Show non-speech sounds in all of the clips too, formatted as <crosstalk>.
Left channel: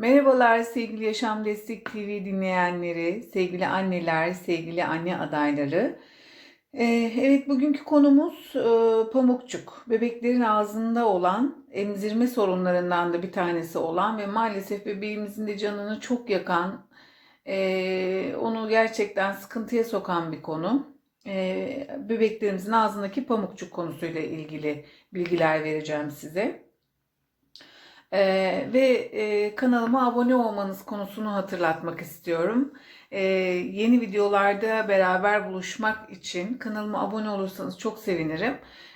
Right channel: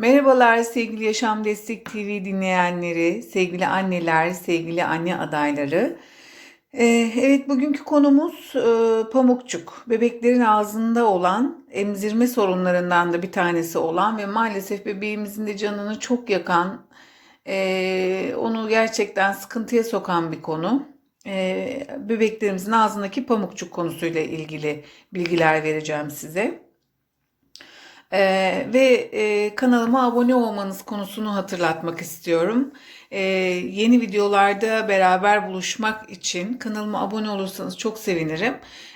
Merhabalar sevgili Yaşam Destek TV dinleyenleri, sevgili anneler, sevgili anne adayları. Ee, evet bugünkü konumuz e, pamukçuk. Bebeklerin ağzında olan emzirme sorunlarından da bir tanesi olan ve maalesef bebeğimizin de canını çok yakan, e, onu gerçekten sıkıntıya sokan bir konu. E, bebeklerimizin ağzındaki pamukçuk konusuyla ilgili bilgiler vereceğim size. Ee, ve e, kanalıma abone olmanız konusunu hatırlatmak istiyorum. Ee, yeni videolarda beraber buluşmak için kanalıma abone olursanız çok sevinirim.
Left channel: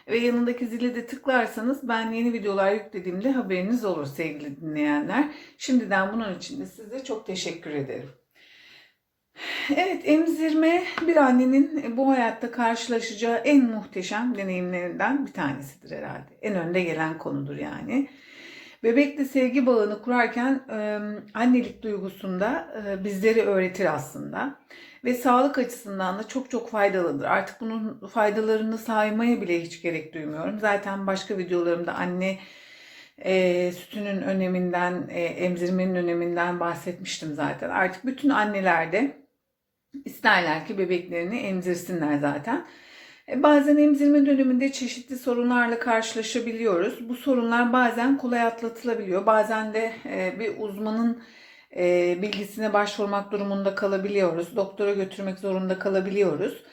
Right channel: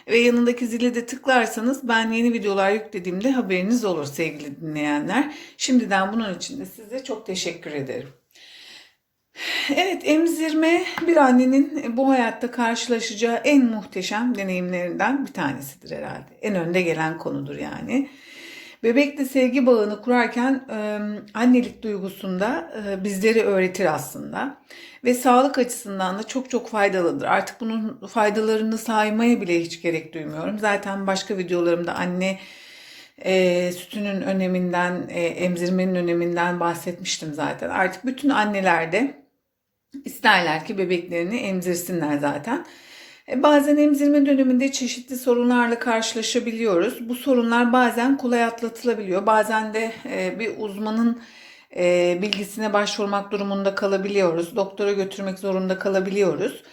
Ve yanındaki zile de tıklarsanız ben yeni videolar yüklediğimde haberiniz olur sevgili dinleyenler. Şimdiden bunun için de size çok teşekkür ederim. Evet, emzirme bir annenin bu hayatta karşılaşacağı en muhteşem deneyimlerinden bir tanesidir herhalde. En önde gelen konudur yani. Bebekle sevgi bağını kurarken annelik duygusunda e, bizleri öğretir aslında. Ve sağlık açısından da çok çok faydalıdır. Artık bunun faydalarını saymaya bile hiç gerek duymuyorum. Zaten başka videolarımda anne e, sütünün öneminden, e, emzirmenin öneminden bahsetmiştim zaten. Artık bütün anneler de isterler ki bebeklerini emzirsinler zaten. E, bazen emzirme döneminde çeşitli sorunlarla karşılaşabiliyoruz. Bu sorunlar bazen kolay atlatılabiliyor. Bazen de e, bir uzmanın e, bilgisine başvurmak durumunda kalabiliyoruz. Doktora götürmek zorunda kalabiliyoruz.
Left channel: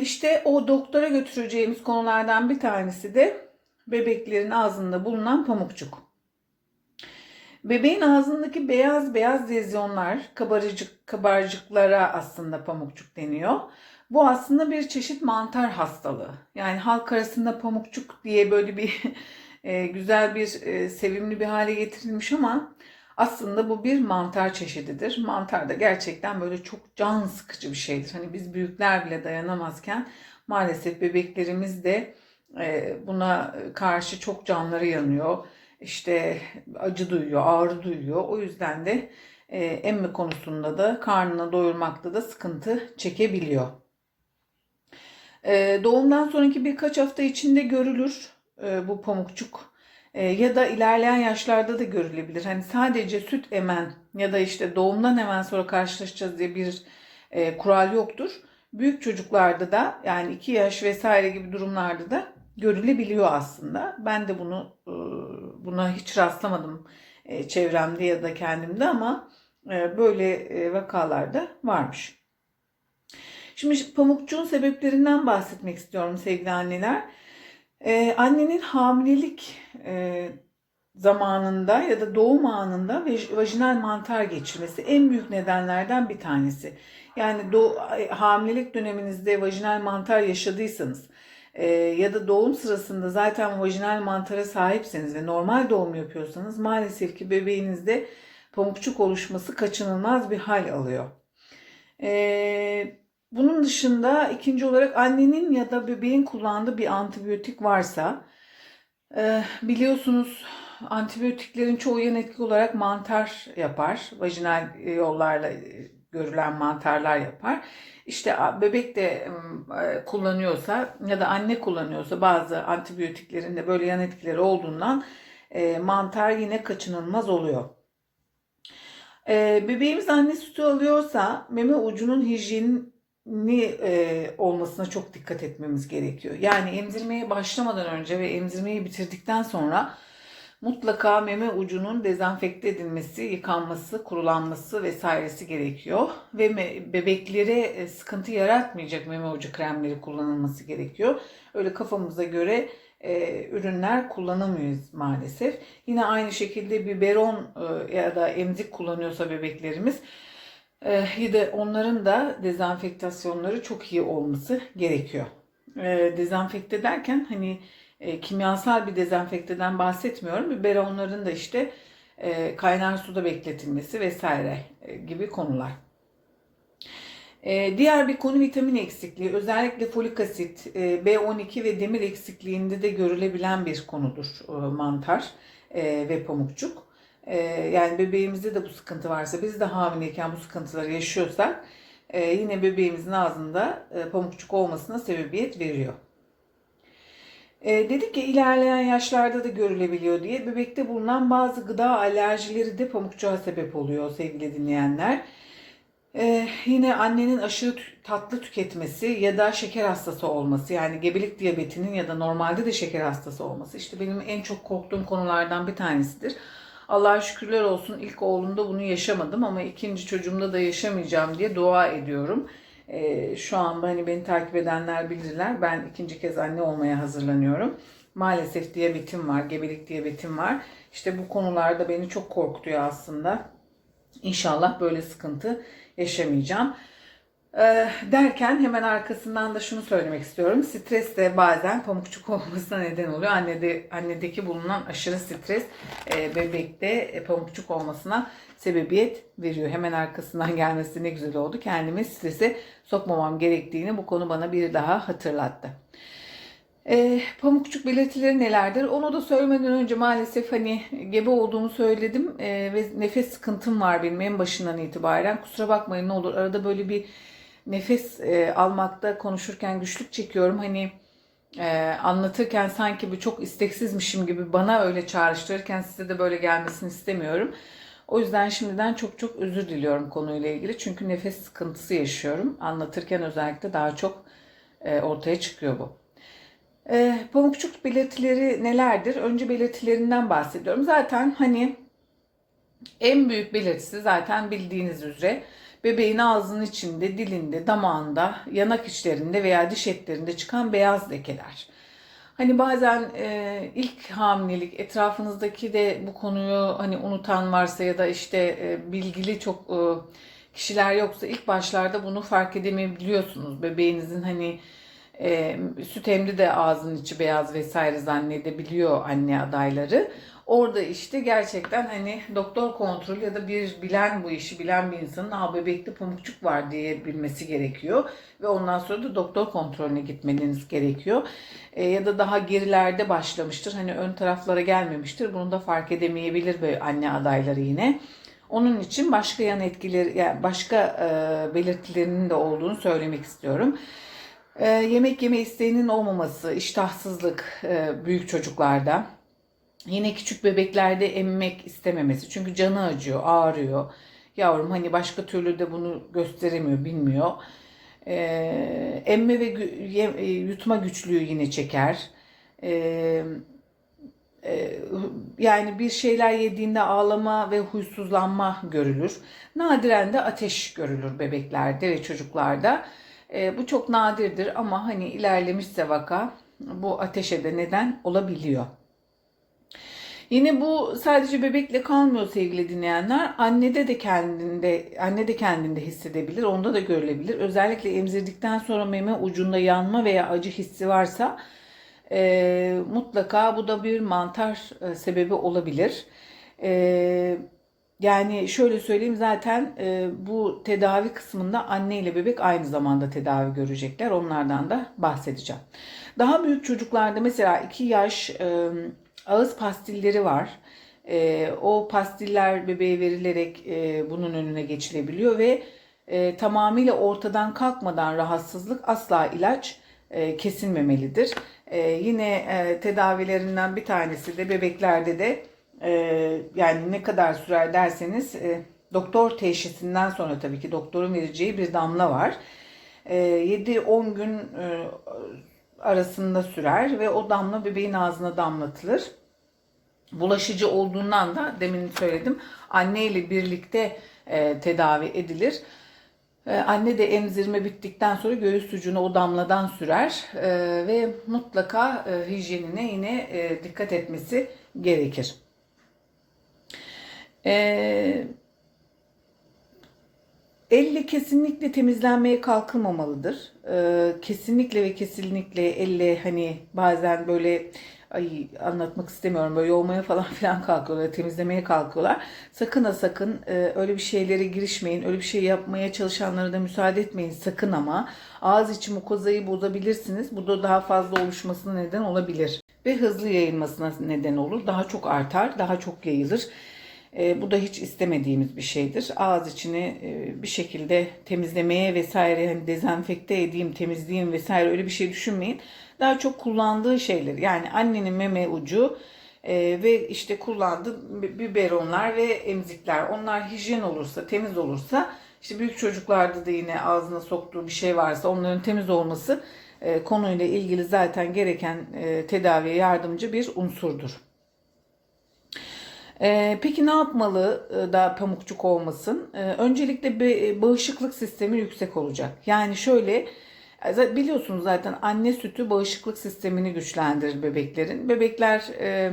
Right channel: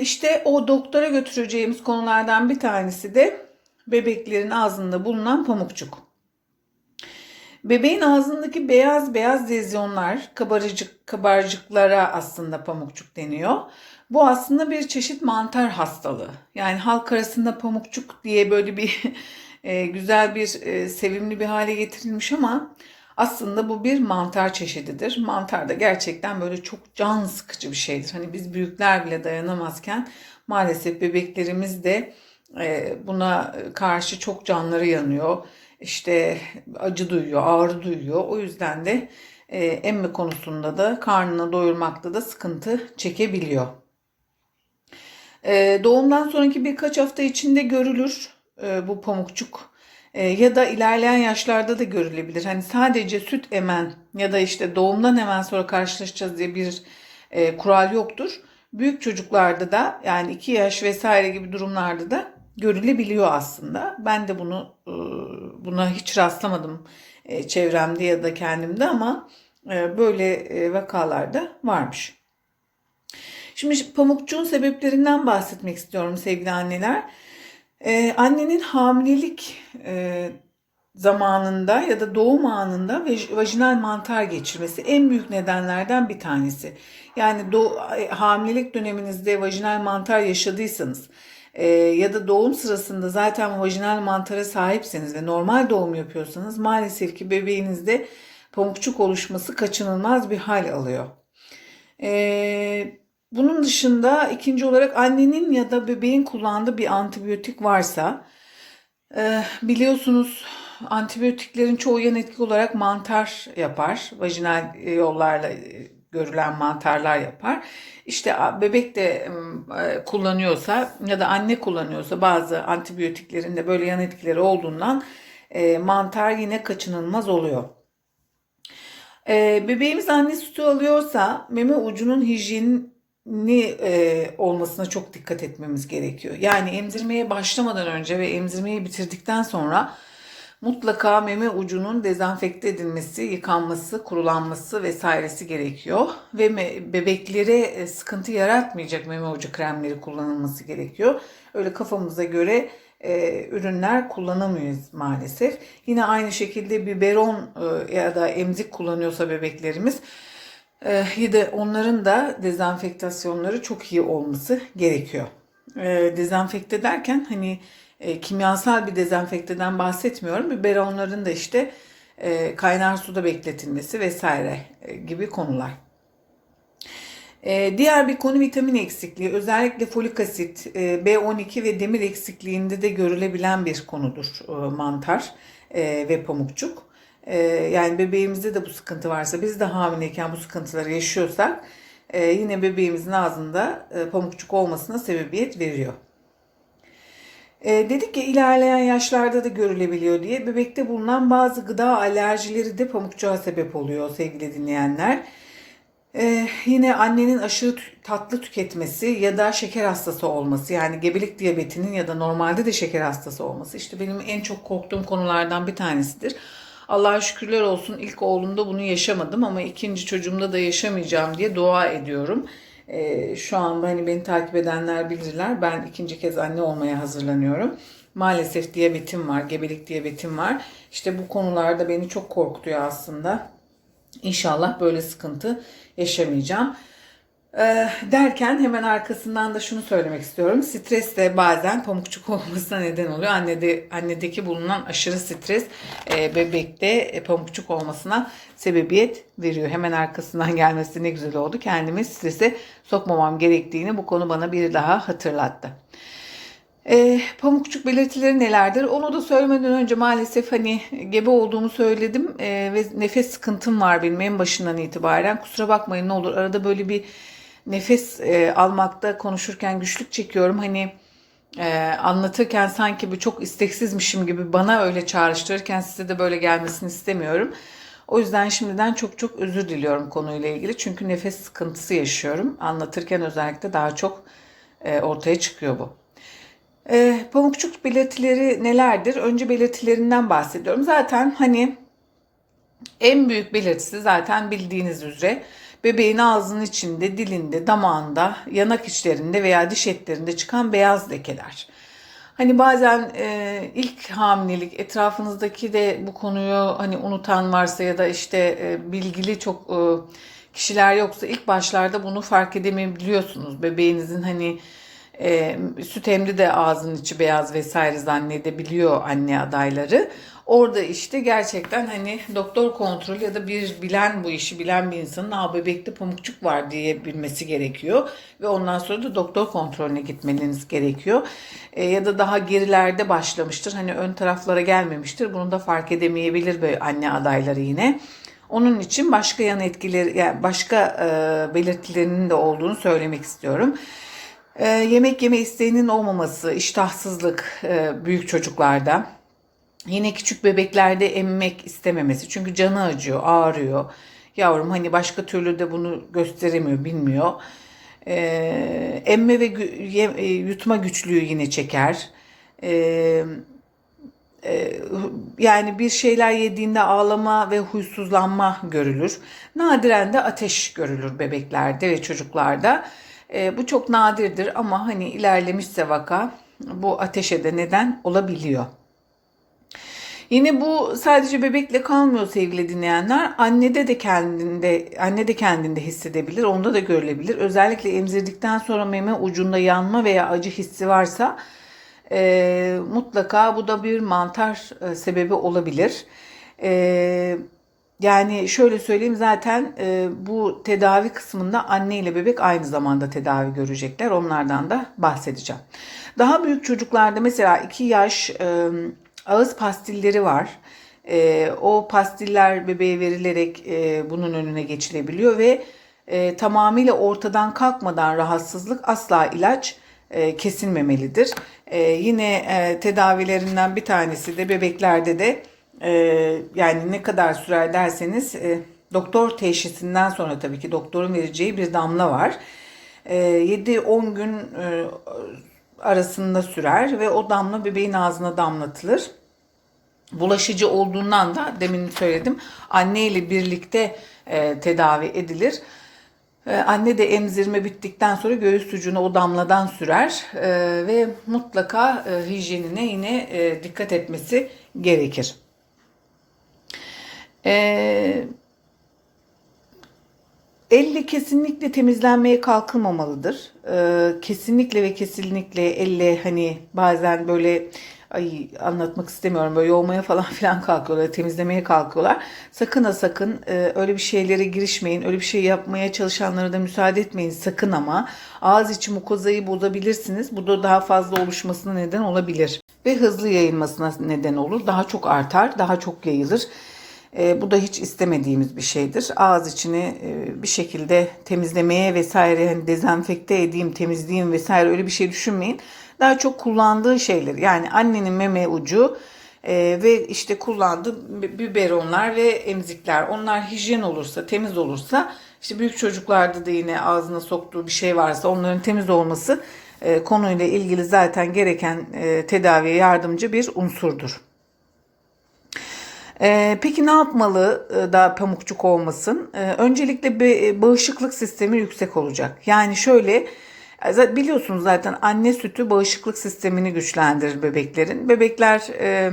İşte o doktora götüreceğimiz konulardan bir tanesi de bebeklerin ağzında bulunan pamukçuk. Bebeğin ağzındaki beyaz beyaz lezyonlar, kabarcık, kabarcıklara aslında pamukçuk deniyor. Bu aslında bir çeşit mantar hastalığı. Yani halk arasında pamukçuk diye böyle bir <laughs> e, güzel bir e, sevimli bir hale getirilmiş ama aslında bu bir mantar çeşididir. Mantar da gerçekten böyle çok can sıkıcı bir şeydir. Hani biz büyükler bile dayanamazken maalesef bebeklerimiz de e, buna karşı çok canları yanıyor. İşte acı duyuyor, ağrı duyuyor. O yüzden de e, emme konusunda da karnını doyurmakta da sıkıntı çekebiliyor. E, doğumdan sonraki birkaç hafta içinde görülür e, bu pamukçuk e, ya da ilerleyen yaşlarda da görülebilir. Hani sadece süt emen ya da işte doğumdan hemen sonra karşılaşacağız diye bir e, kural yoktur. Büyük çocuklarda da yani 2 yaş vesaire gibi durumlarda da görülebiliyor aslında. Ben de bunu e, buna hiç rastlamadım çevremde ya da kendimde ama böyle vakalarda varmış. Şimdi pamukçuğun sebeplerinden bahsetmek istiyorum sevgili anneler. Annenin hamilelik zamanında ya da doğum anında vajinal mantar geçirmesi en büyük nedenlerden bir tanesi. Yani do hamilelik döneminizde vajinal mantar yaşadıysanız e, ya da doğum sırasında zaten vajinal mantara sahipseniz ve normal doğum yapıyorsanız maalesef ki bebeğinizde pamukçuk oluşması kaçınılmaz bir hal alıyor. E, bunun dışında ikinci olarak annenin ya da bebeğin kullandığı bir antibiyotik varsa e, biliyorsunuz antibiyotiklerin çoğu yan etki olarak mantar yapar. Vajinal yollarla görülen mantarlar yapar. İşte bebek de e, kullanıyorsa ya da anne kullanıyorsa bazı antibiyotiklerin de böyle yan etkileri olduğundan e, mantar yine kaçınılmaz oluyor. E, bebeğimiz anne sütü alıyorsa meme ucunun hijyeni olmasına çok dikkat etmemiz gerekiyor. Yani emzirmeye başlamadan önce ve emzirmeyi bitirdikten sonra mutlaka meme ucunun dezenfekte edilmesi, yıkanması, kurulanması vesairesi gerekiyor. Ve bebeklere e, sıkıntı yaratmayacak meme ucu kremleri kullanılması gerekiyor. Öyle kafamıza göre e, ürünler kullanamıyoruz maalesef. Yine aynı şekilde biberon e, ya da emzik kullanıyorsa bebeklerimiz e, de onların da dezenfektasyonları çok iyi olması gerekiyor. E, dezenfekte derken hani e, kimyasal bir dezenfekteden bahsetmiyorum. Biberonların da işte kaynar suda bekletilmesi vesaire gibi konular. Diğer bir konu vitamin eksikliği. Özellikle folik asit, e, B12 ve demir eksikliğinde de görülebilen bir konudur mantar ve pamukçuk. E, yani bebeğimizde de bu sıkıntı varsa, biz de hamileyken bu sıkıntıları yaşıyorsak e, yine bebeğimizin ağzında e, pamukçuk olmasına sebebiyet veriyor. E, dedik ya ilerleyen yaşlarda da görülebiliyor diye bebekte bulunan bazı gıda alerjileri de pamukçuğa sebep oluyor sevgili dinleyenler. Ee, yine annenin aşırı tatlı tüketmesi ya da şeker hastası olması yani gebelik diyabetinin ya da normalde de şeker hastası olması işte benim en çok korktuğum konulardan bir tanesidir. Allah'a şükürler olsun ilk oğlumda bunu yaşamadım ama ikinci çocuğumda da yaşamayacağım diye dua ediyorum. Ee, şu an hani beni takip edenler bilirler ben ikinci kez anne olmaya hazırlanıyorum. Maalesef diyabetim var, gebelik diyabetim var. İşte bu konularda beni çok korkutuyor aslında. İnşallah böyle sıkıntı yaşamayacağım. Ee, derken hemen arkasından da şunu söylemek istiyorum. Stres de bazen pamukçuk olmasına neden oluyor. Annede, annedeki bulunan aşırı stres e, bebekte e, pamukçuk olmasına sebebiyet veriyor. Hemen arkasından <laughs> gelmesi ne güzel oldu. Kendimi strese sokmamam gerektiğini bu konu bana bir daha hatırlattı. E, pamukçuk belirtileri nelerdir? Onu da söylemeden önce maalesef hani gebe olduğumu söyledim e, ve nefes sıkıntım var benim en başından itibaren. Kusura bakmayın ne olur arada böyle bir nefes e, almakta konuşurken güçlük çekiyorum. Hani e, anlatırken sanki bu çok isteksizmişim gibi bana öyle çağrıştırırken size de böyle gelmesini istemiyorum. O yüzden şimdiden çok çok özür diliyorum konuyla ilgili. Çünkü nefes sıkıntısı yaşıyorum. Anlatırken özellikle daha çok e, ortaya çıkıyor bu. E, pamukçuk belirtileri nelerdir? Önce belirtilerinden bahsediyorum. Zaten hani en büyük belirtisi zaten bildiğiniz üzere bebeğin ağzının içinde, dilinde, damağında, yanak içlerinde veya diş etlerinde çıkan beyaz lekeler. Hani bazen e, ilk hamilelik etrafınızdaki de bu konuyu hani unutan varsa ya da işte e, bilgili çok e, kişiler yoksa ilk başlarda bunu fark edemeyebiliyorsunuz. Bebeğinizin hani e, süt emdi de ağzının içi beyaz vesaire zannedebiliyor anne adayları. Orada işte gerçekten hani doktor kontrolü ya da bir bilen bu işi bilen bir insanın Aa, bebekte pamukçuk var diye bilmesi gerekiyor. Ve ondan sonra da doktor kontrolüne gitmeniz gerekiyor. E, ya da daha gerilerde başlamıştır. Hani ön taraflara gelmemiştir. Bunu da fark edemeyebilir böyle anne adayları yine. Onun için başka yan etkileri, yani başka e, belirtilerinin de olduğunu söylemek istiyorum. E, yemek yeme isteğinin olmaması, iştahsızlık e, büyük çocuklarda. Yine küçük bebeklerde emmek istememesi. Çünkü canı acıyor, ağrıyor. Yavrum hani başka türlü de bunu gösteremiyor, bilmiyor. Ee, emme ve e, yutma güçlüğü yine çeker. Ee, e, yani bir şeyler yediğinde ağlama ve huysuzlanma görülür. Nadiren de ateş görülür bebeklerde ve çocuklarda. Ee, bu çok nadirdir ama hani ilerlemişse vaka bu ateşe de neden olabiliyor. Yine bu sadece bebekle kalmıyor sevgili dinleyenler. Annede de kendinde, anne de kendinde hissedebilir. Onda da görülebilir. Özellikle emzirdikten sonra meme ucunda yanma veya acı hissi varsa e, mutlaka bu da bir mantar e, sebebi olabilir. E, yani şöyle söyleyeyim zaten e, bu tedavi kısmında anne ile bebek aynı zamanda tedavi görecekler. Onlardan da bahsedeceğim. Daha büyük çocuklarda mesela 2 yaş e, ağız pastilleri var. E, o pastiller bebeğe verilerek e, bunun önüne geçilebiliyor ve e, tamamıyla ortadan kalkmadan rahatsızlık asla ilaç e, kesilmemelidir. E, yine e, tedavilerinden bir tanesi de bebeklerde de e, yani ne kadar sürer derseniz e, doktor teşhisinden sonra tabii ki doktorun vereceği bir damla var. E, 7-10 gün e, arasında sürer ve o damla bebeğin ağzına damlatılır. Bulaşıcı olduğundan da demin söyledim anne ile birlikte e, tedavi edilir. E, anne de emzirme bittikten sonra göğüs ucuna o damladan sürer e, ve mutlaka e, hijyenine yine e, dikkat etmesi gerekir. E, Elle kesinlikle temizlenmeye kalkılmamalıdır. Ee, kesinlikle ve kesinlikle elle hani bazen böyle ay anlatmak istemiyorum böyle yoğmaya falan <laughs> filan kalkıyorlar, temizlemeye kalkıyorlar. Sakın ha sakın e, öyle bir şeylere girişmeyin. Öyle bir şey yapmaya çalışanlara da müsaade etmeyin sakın ama ağız içi mukozayı bozabilirsiniz. Bu da daha fazla oluşmasına neden olabilir ve hızlı yayılmasına neden olur. Daha çok artar, daha çok yayılır. E, bu da hiç istemediğimiz bir şeydir. Ağız içini e, bir şekilde temizlemeye vesaire hani dezenfekte edeyim, temizleyeyim vesaire öyle bir şey düşünmeyin. daha çok kullandığı şeyler yani annenin meme ucu e, ve işte kullandığı bi- biberonlar ve emzikler onlar hijyen olursa temiz olursa işte büyük çocuklarda da yine ağzına soktuğu bir şey varsa onların temiz olması e, konuyla ilgili zaten gereken e, tedaviye yardımcı bir unsurdur. Ee, peki ne yapmalı e, daha pamukçuk olmasın? Ee, öncelikle be- bağışıklık sistemi yüksek olacak. Yani şöyle e, biliyorsunuz zaten anne sütü bağışıklık sistemini güçlendirir bebeklerin. Bebekler e,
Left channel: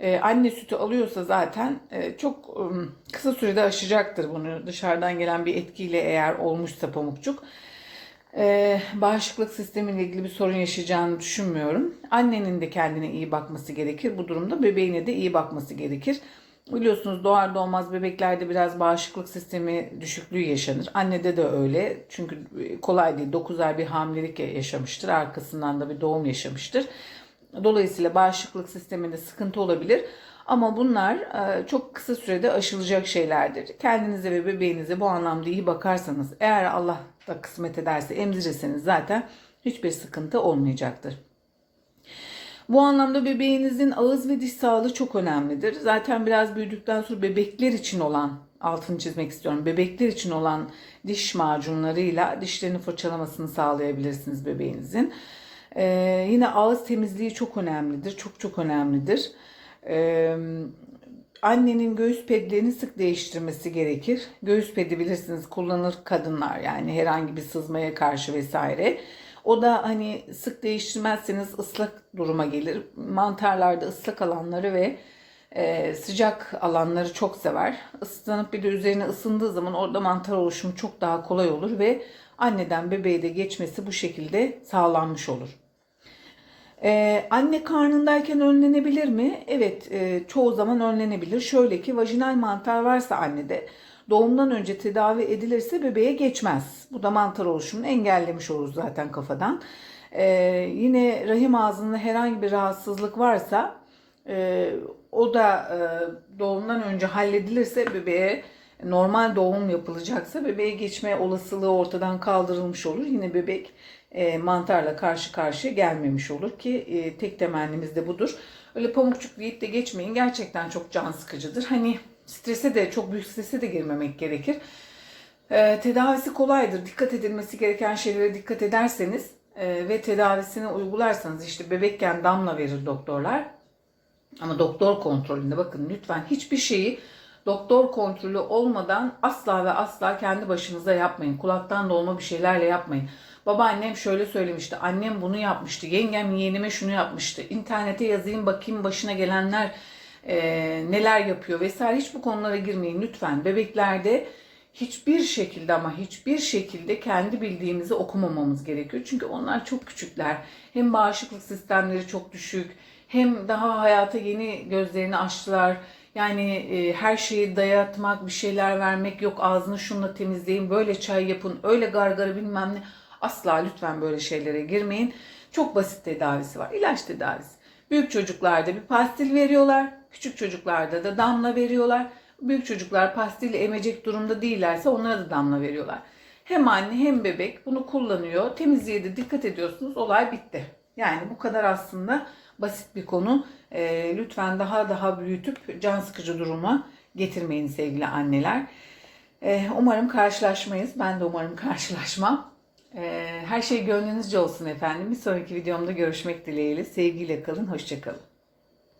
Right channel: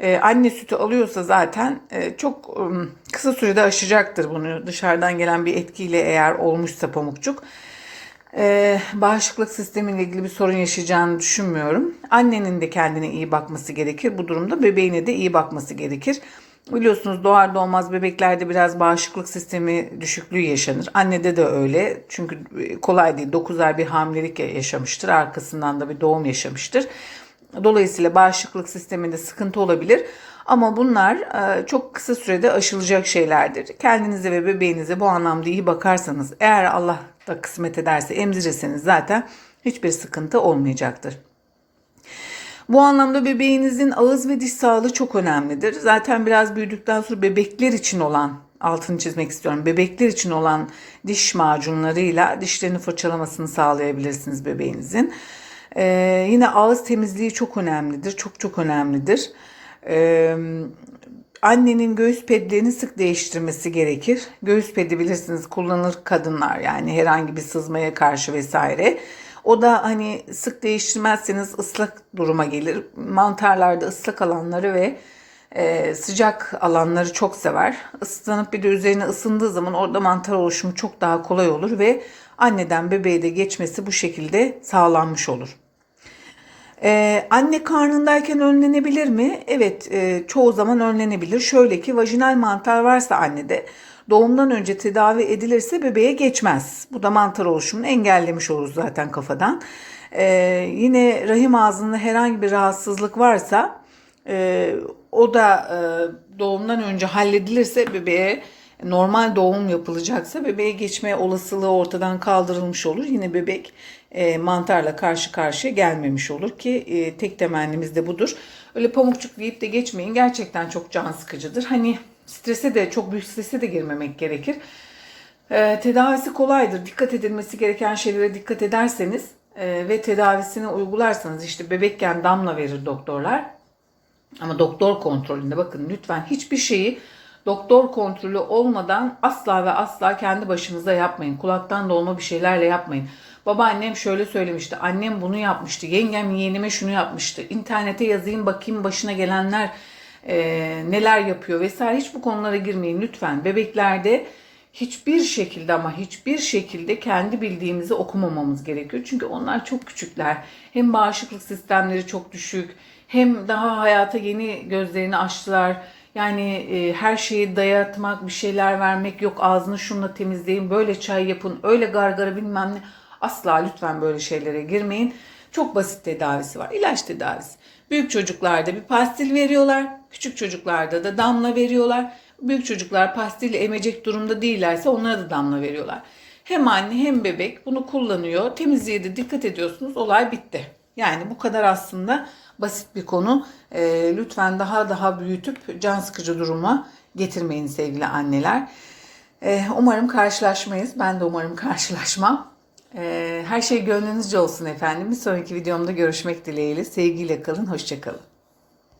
e, anne sütü alıyorsa zaten e, çok e, kısa sürede aşacaktır bunu dışarıdan gelen bir etkiyle eğer olmuşsa pamukçuk. Ee, bağışıklık sistemiyle ilgili bir sorun yaşayacağını düşünmüyorum. Annenin de kendine iyi bakması gerekir. Bu durumda bebeğine de iyi bakması gerekir. Biliyorsunuz doğar doğmaz bebeklerde biraz bağışıklık sistemi düşüklüğü yaşanır. Annede de öyle. Çünkü kolay değil. 9 ay bir hamilelik yaşamıştır. Arkasından da bir doğum yaşamıştır. Dolayısıyla bağışıklık sisteminde sıkıntı olabilir. Ama bunlar e, çok kısa sürede aşılacak şeylerdir. Kendinize ve bebeğinize bu anlamda iyi bakarsanız, eğer Allah da kısmet ederse emzirirseniz zaten hiçbir sıkıntı olmayacaktır. Bu anlamda bebeğinizin ağız ve diş sağlığı çok önemlidir. Zaten biraz büyüdükten sonra bebekler için olan altını çizmek istiyorum. Bebekler için olan diş macunlarıyla dişlerini fırçalamasını sağlayabilirsiniz bebeğinizin. Ee, yine ağız temizliği çok önemlidir. Çok çok önemlidir. Ee, annenin göğüs pedlerini sık değiştirmesi gerekir. Göğüs pedi bilirsiniz kullanır kadınlar yani herhangi bir sızmaya karşı vesaire. O da hani sık değiştirmezseniz ıslak duruma gelir. Mantarlarda ıslak alanları ve e, sıcak alanları çok sever. Islanıp bir de üzerine ısındığı zaman orada mantar oluşumu çok daha kolay olur ve anneden bebeğe de geçmesi bu şekilde sağlanmış olur. Ee, anne karnındayken önlenebilir mi? Evet, e, çoğu zaman önlenebilir. Şöyle ki vajinal mantar varsa annede doğumdan önce tedavi edilirse bebeğe geçmez. Bu da mantar oluşumunu engellemiş oluruz zaten kafadan. Ee, yine rahim ağzında herhangi bir rahatsızlık varsa e, o da e, doğumdan önce halledilirse bebeğe normal doğum yapılacaksa bebeğe geçme olasılığı ortadan kaldırılmış olur. Yine bebek e, mantarla karşı karşıya gelmemiş olur ki e, tek temennimiz de budur. Öyle pamukçuk deyip de geçmeyin. Gerçekten çok can sıkıcıdır. Hani strese de çok büyük strese de girmemek gerekir. E, tedavisi kolaydır. Dikkat edilmesi gereken şeylere dikkat ederseniz e, ve tedavisini uygularsanız işte bebekken damla verir doktorlar. Ama doktor kontrolünde bakın lütfen hiçbir şeyi doktor kontrolü olmadan asla ve asla kendi başınıza yapmayın. Kulaktan dolma bir şeylerle yapmayın. Babaannem şöyle söylemişti. Annem bunu yapmıştı. Yengem yeğenime şunu yapmıştı. İnternete yazayım bakayım başına gelenler e, neler yapıyor vesaire. Hiç bu konulara girmeyin lütfen. Bebeklerde hiçbir şekilde ama hiçbir şekilde kendi bildiğimizi okumamamız gerekiyor. Çünkü onlar çok küçükler. Hem bağışıklık sistemleri çok düşük hem daha hayata yeni gözlerini açtılar. Yani e, her şeyi dayatmak, bir şeyler vermek yok ağzını şunla temizleyin, böyle çay yapın, öyle gargara bilmem ne. Asla lütfen böyle şeylere girmeyin. Çok basit tedavisi var. İlaç tedavisi. Büyük çocuklarda bir pastil veriyorlar. Küçük çocuklarda da damla veriyorlar. Büyük çocuklar pastille emecek durumda değillerse onlara da damla veriyorlar. Hem anne hem bebek bunu kullanıyor. Temizliğe de dikkat ediyorsunuz. Olay bitti. Yani bu kadar aslında basit bir konu. Ee, lütfen daha daha büyütüp can sıkıcı duruma getirmeyin sevgili anneler. Ee, umarım karşılaşmayız. Ben de umarım karşılaşmam. Ee, her şey gönlünüzce olsun efendim. Bir sonraki videomda görüşmek dileğiyle. Sevgiyle kalın, hoşçakalın.